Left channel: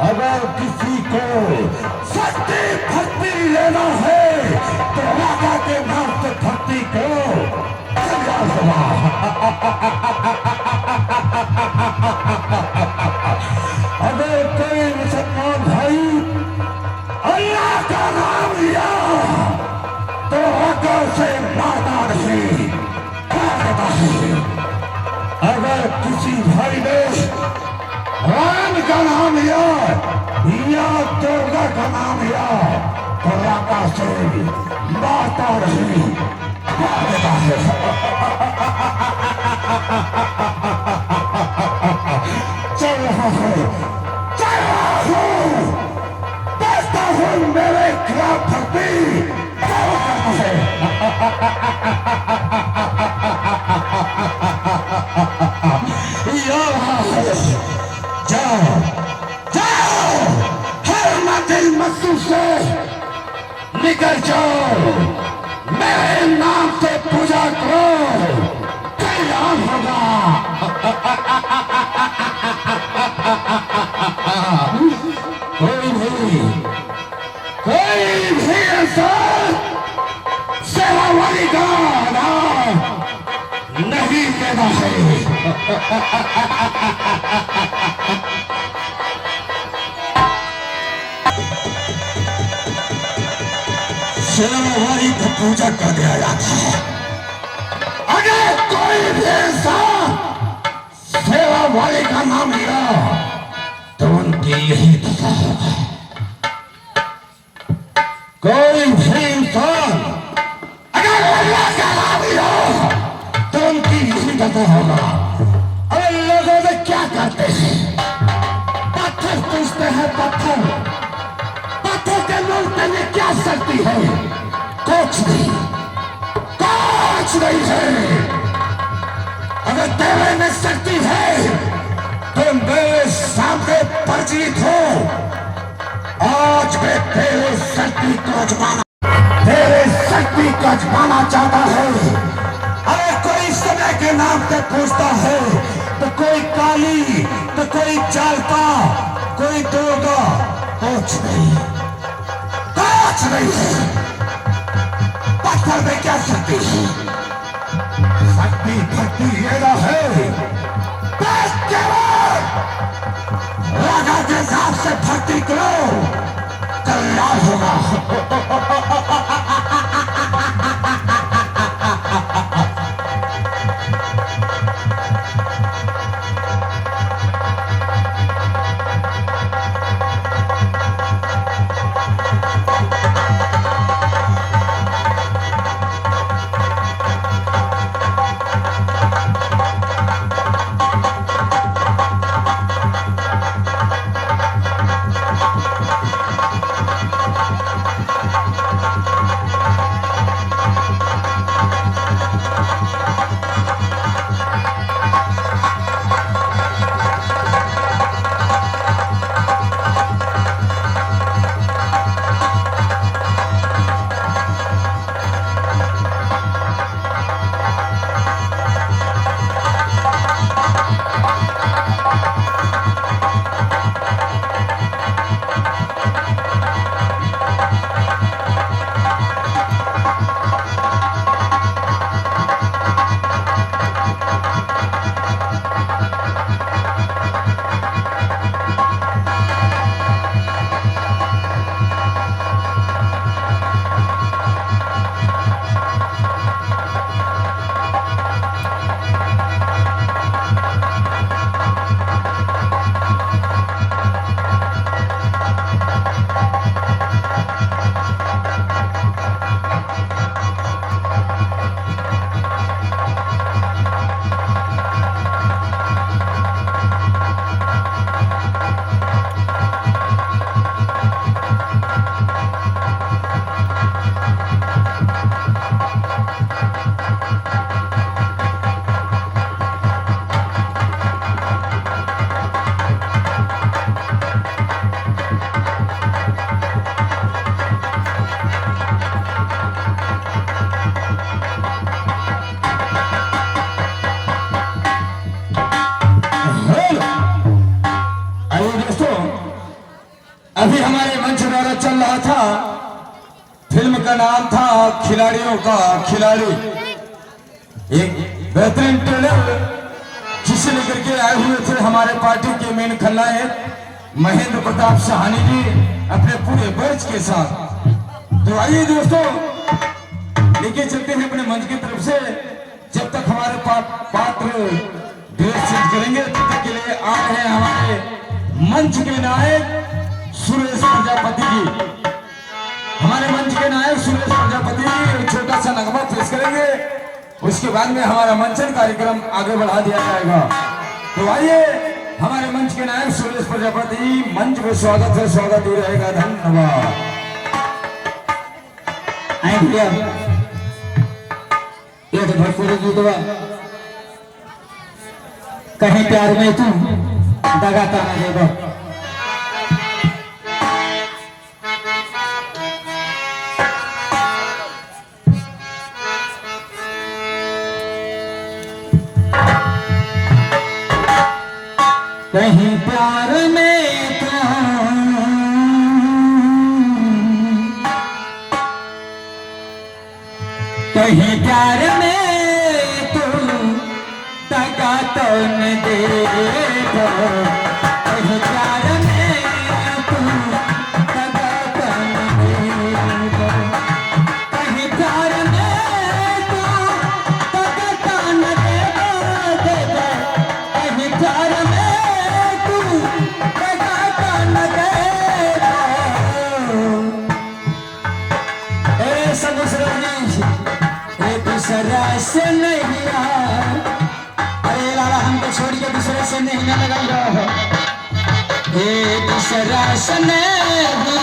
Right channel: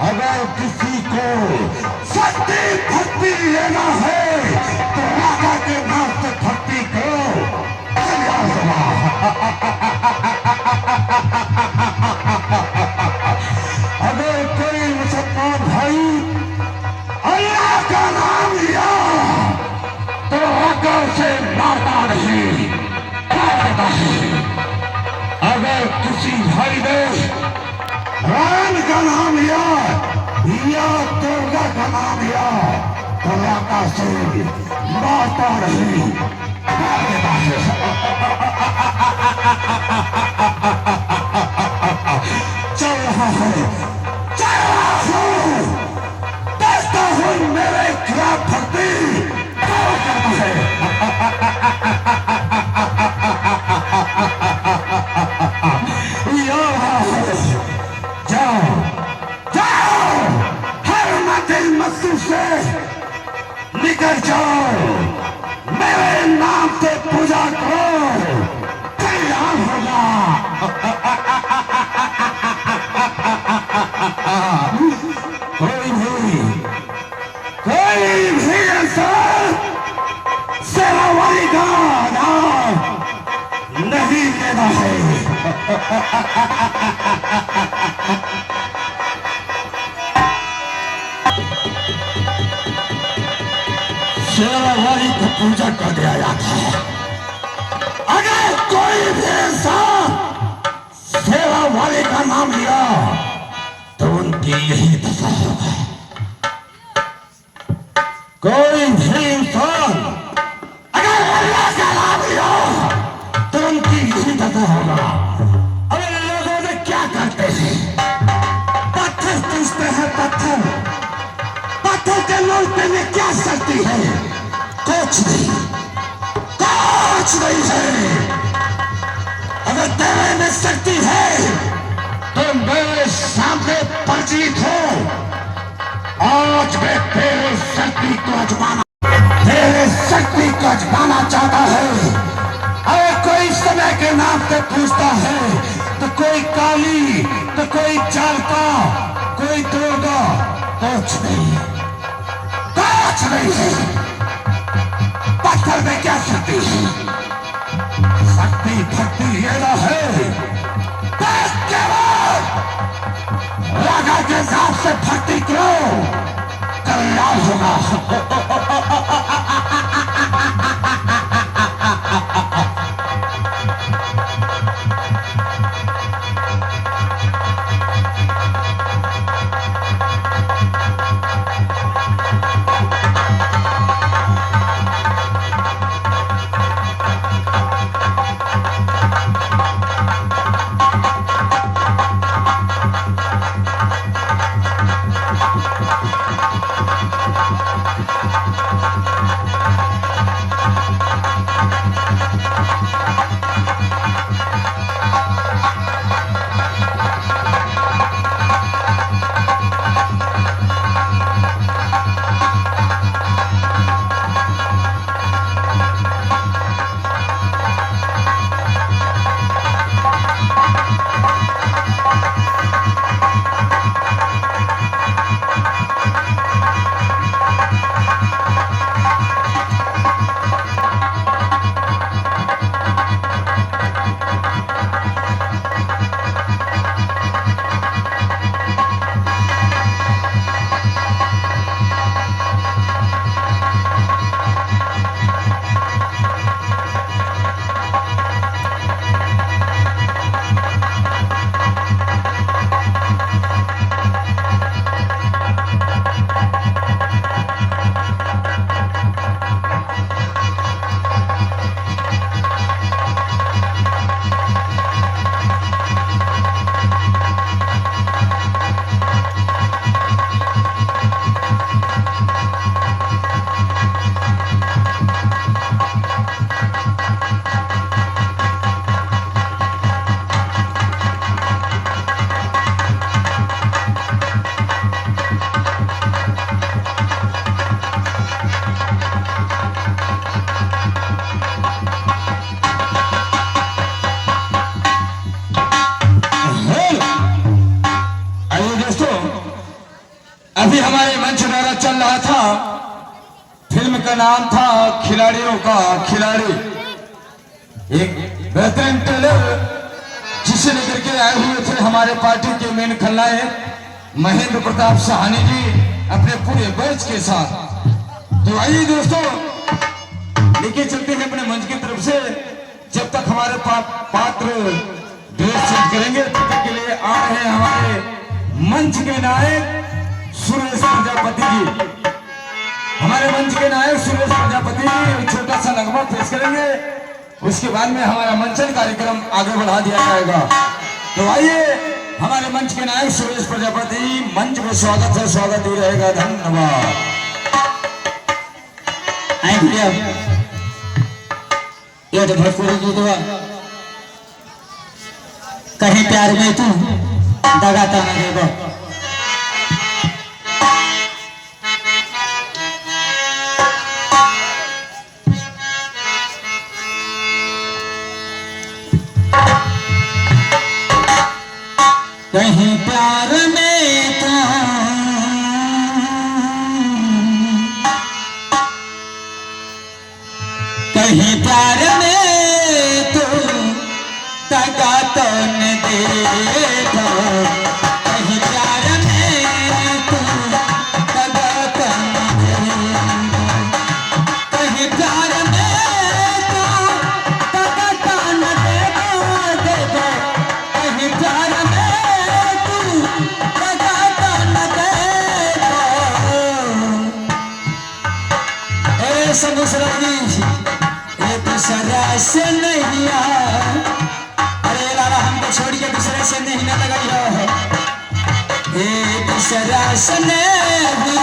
अगर किसी को शक्ति भक्ति लेना है तो राजा के नाम से भक्ति करो। अगर कोई मुसलमान भाई अल्लाह का नाम लिया तो होकर से मारता नहीं, मारता है। अगर किसी भाई ने राम का नाम लिया या दुर्गा का नाम लिया तो राका से मारता नहीं, मारता है। चल रहा है, चल रहा है, देखता हूँ मेरे खिलाफ भक्ति करता है। निकल जाओ, मेरे नाम से पूजा करो, कल्याण होगा। कोई भी ऐसा सेवा वाली का नाम नहीं लेना है। सेवा वाली को पूजा कर दिया जाता है। अगर कोई भी इंसान सेवा वाले का नाम लिया तो उनकी यही दशा होगा। कोई भी इंसान अगर अल्लाह का नाम लिया तो उनकी यही दशा होगा। और लोगों ने क्या कहते हैं, पत्थर पूछते हैं, पत्थर पत्थर के लोग में क्या शक्ति है? कुछ नहीं, कुछ नहीं है। अगर तेरे में शक्ति है तो मेरे सामने परिचित हो। आज मैं तेरे शक्ति को आजमाना, तेरे शक्ति को आजमाना चाहता है। अगर कोई समय के नाम से पूछता है तो कोई काली, तो कोई चालता, कोई दुर्गा, कुछ नहीं, कुछ नहीं है। पत्थर में क्या शक्ति है? शक्ति भक्ति लेना है, राजा के हिसाब से भक्ति करो, कल्याण होगा। का नाम था खिलाड़ियों का खिलाड़ी। एक बेहतरीन टेलर जिसे लेकर के आए हुए थे हमारे पार्टी के मेन खलनायक महेंद्र प्रताप साहनी जी अपने पूरे बैच के साथ। तो आइए दोस्तों लेके चलते हैं अपने मंच की तरफ से। जब तक हमारे पात्र ड्रेस चेंज करेंगे तब तक के लिए आ रहे हैं हमारे मंच के नायक सुरेश प्रजापति जी। हमारे मंच के नायक सुरेश प्रजापति जी छोटा सा नगमा पेश करेंगे, उसके बाद में हमारा मंचन कार्यक्रम आगे बढ़ा दिया जाएगा। तो आइए हमारे मंच के नायक सुरेश प्रजापति मंच में स्वागत है, स्वागत ही रहेगा। धन्यवाद। ये तो भोजपुरी गीत बा, कहीं प्यार में तू दगा कर देगा। कहीं प्यार में तू कहीं प्यार में तू दगा तो न देगा, कहीं प्यार में तू दगा तो न देगा, कहीं प्यार में तू दगा तो न देगा, कहीं प्यार में तू दगा तो न देगा। ए सब दूसरा से नहीं अरे लाला हमको छोड़ के दूसरे से नहीं ना लगाइए, दूसरा से नहीं